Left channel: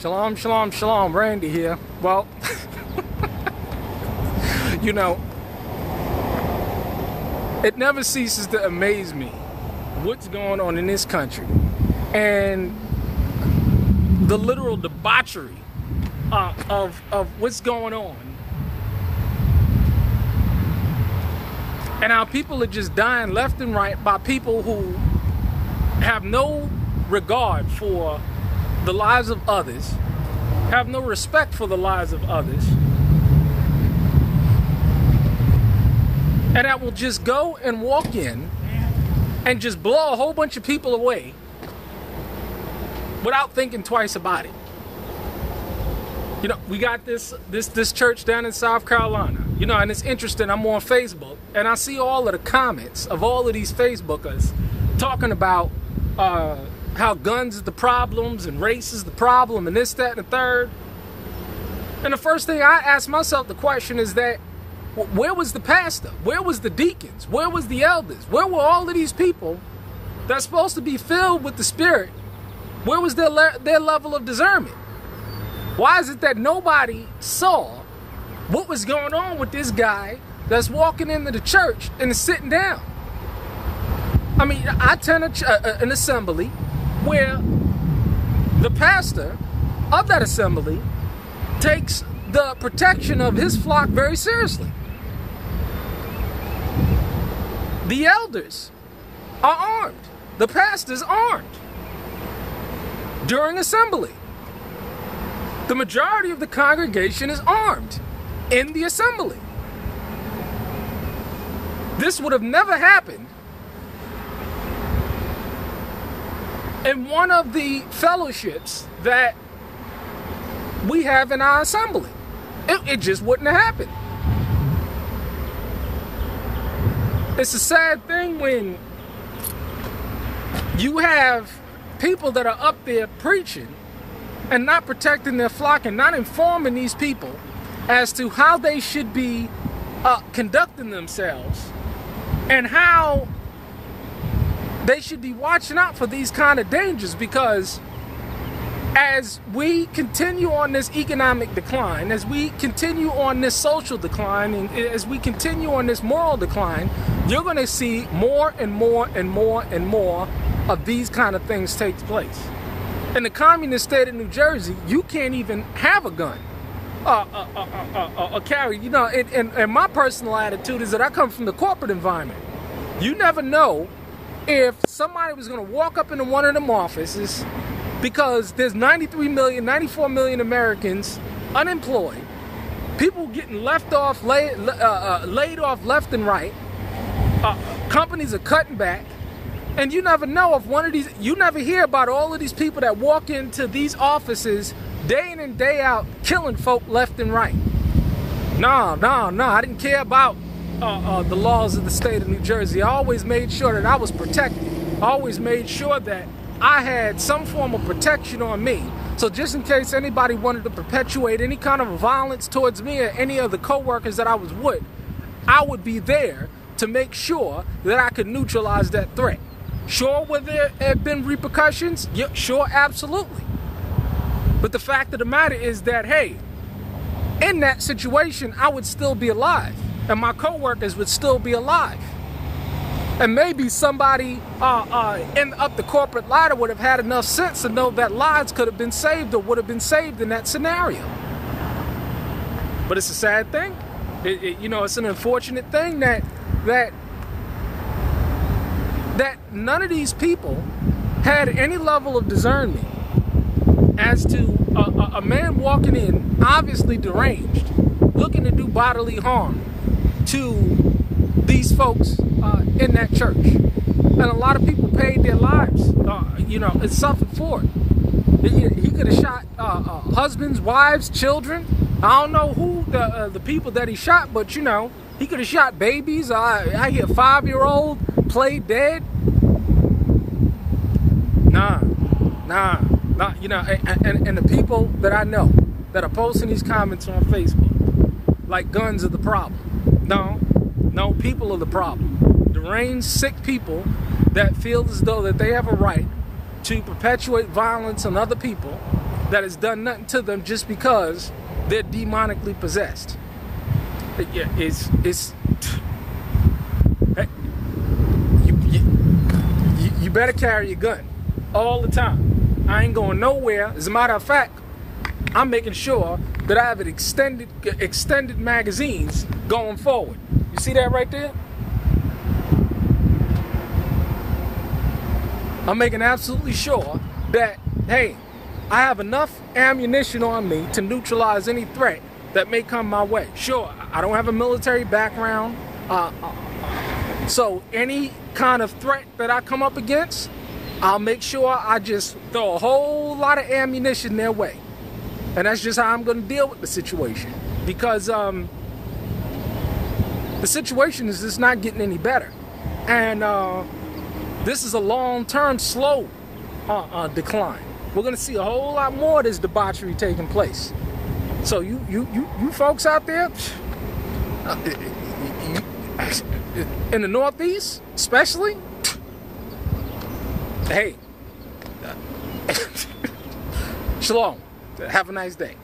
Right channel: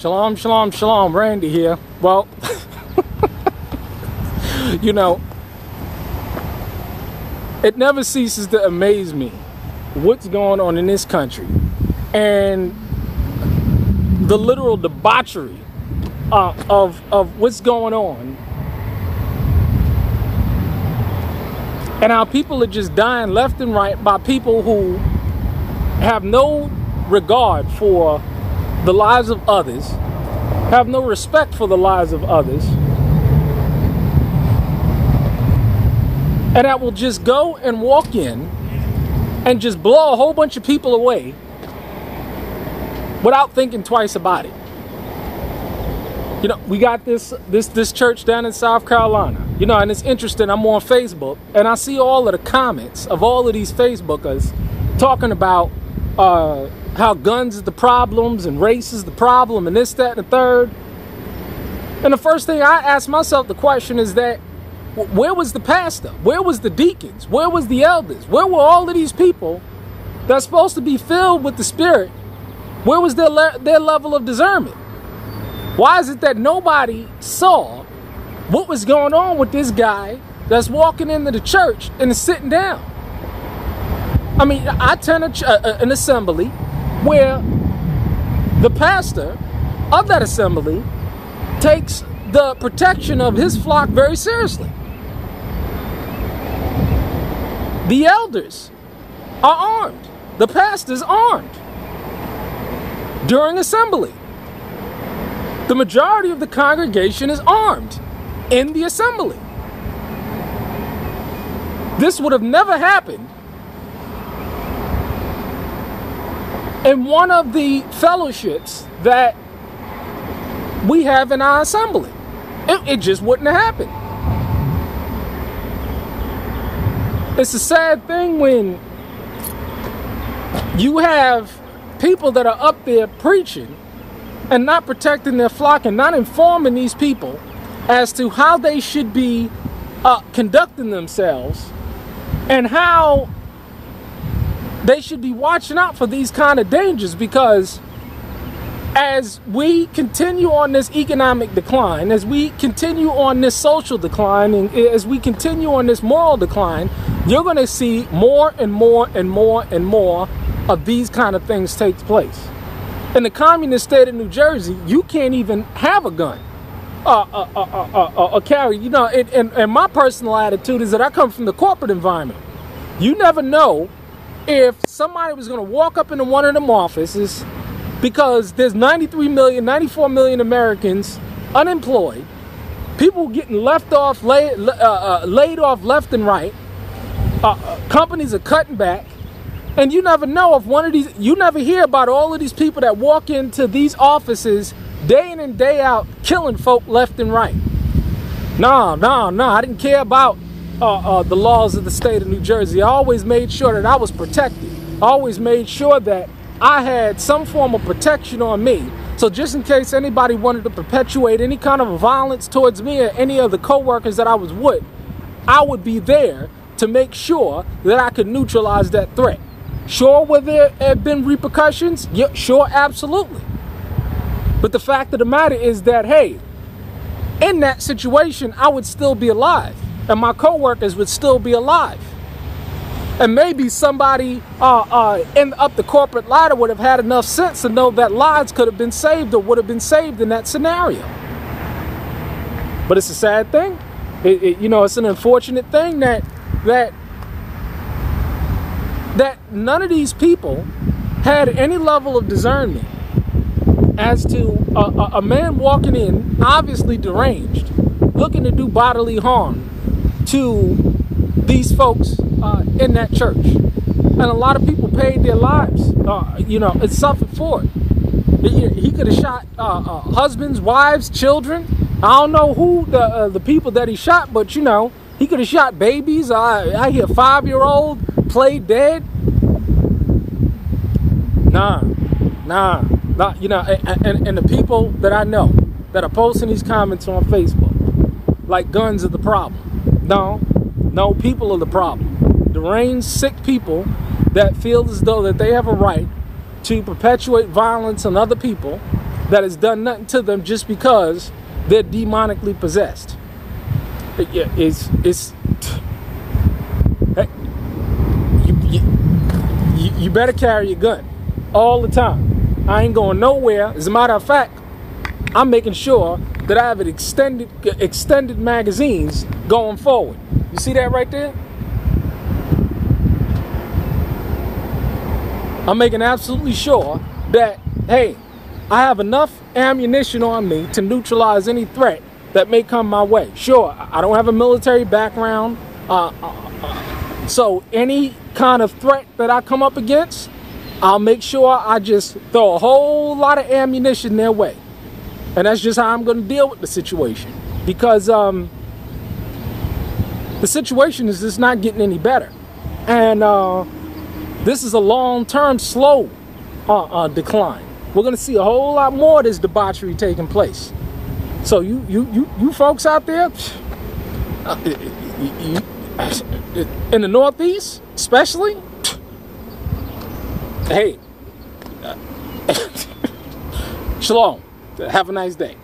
Shalom, shalom, shalom. Randy here. Well, you know, it never ceases to amaze me what's going on in this country and the literal debauchery of what's going on, and how people are just dying left and right by people who have no regard for the lives of others, have no respect for the lives of others, and that will just go and walk in and just blow a whole bunch of people away without thinking twice about it. You know, we got this church down in South Carolina, you know, and it's interesting. I'm on Facebook and I see all of the comments of all of these Facebookers talking about how guns is the problems and race is the problem and this, that, and the third. And the first thing I ask myself the question is that, where was the pastor? Where was the deacons? Where was the elders? Where were all of these people that's supposed to be filled with the Spirit? Where was their level of discernment? Why is it that nobody saw what was going on with this guy that's walking into the church and is sitting down? I mean, I attend an assembly where the pastor of that assembly takes the protection of his flock very seriously. The elders are armed. The pastor's armed during assembly. The majority of the congregation is armed in the assembly. This would have never happened in one of the fellowships that we have in our assembly. It just wouldn't have happened. It's a sad thing when you have people that are up there preaching and not protecting their flock and not informing these people as to how they should be conducting themselves and how they should be watching out for these kind of dangers, because as we continue on this economic decline, as we continue on this social decline, and as we continue on this moral decline, you're going to see more and more and more and more of these kind of things take place. In the communist state of New Jersey, you can't even have a gun or carry. You know, and my personal attitude is that I come from the corporate environment. You never know if somebody was going to walk up into one of them offices, because there's 93 million, 94 million Americans unemployed, people getting laid off left and right, companies are cutting back, and you never know if one of these, you never hear about all of these people that walk into these offices day in and day out killing folk left and right. No, I didn't care about the laws of the state of New Jersey. I always made sure that I was protected. I always made sure that I had some form of protection on me. So just in case anybody wanted to perpetuate any kind of violence towards me or any of the co-workers that I was with, I would be there to make sure that I could neutralize that threat. Sure, will there have been repercussions? Yeah, sure, absolutely. But the fact of the matter is that, hey, in that situation, I would still be alive, and my co-workers would still be alive. And maybe somebody up the corporate ladder would have had enough sense to know that lives could have been saved or would have been saved in that scenario. But it's a sad thing. You know, it's an unfortunate thing that none of these people had any level of discernment as to a man walking in, obviously deranged, looking to do bodily harm to these folks in that church. And a lot of people paid their lives, you know, and suffered for it. He could have shot husbands, wives, children. I don't know who the people that he shot, but, you know, he could have shot babies. I hear 5-year-old play dead. Nah, you know, and the people that I know that are posting these comments on Facebook, like guns are the problem. No, people are the problem. Deranged, sick people that feel as though that they have a right to perpetuate violence on other people that has done nothing to them just because they're demonically possessed. You better carry your gun all the time. I ain't going nowhere. As a matter of fact, I'm making sure that I have extended magazines going forward. You see that right there? I'm making absolutely sure that, hey, I have enough ammunition on me to neutralize any threat that may come my way. Sure, I don't have a military background, so any kind of threat that I come up against, I'll make sure I just throw a whole lot of ammunition their way. And that's just how I'm going to deal with the situation. Because the situation is just not getting any better. And this is a long-term, slow decline. We're going to see a whole lot more of this debauchery taking place. So you folks out there, in the Northeast, especially, hey, shalom. Have a nice day.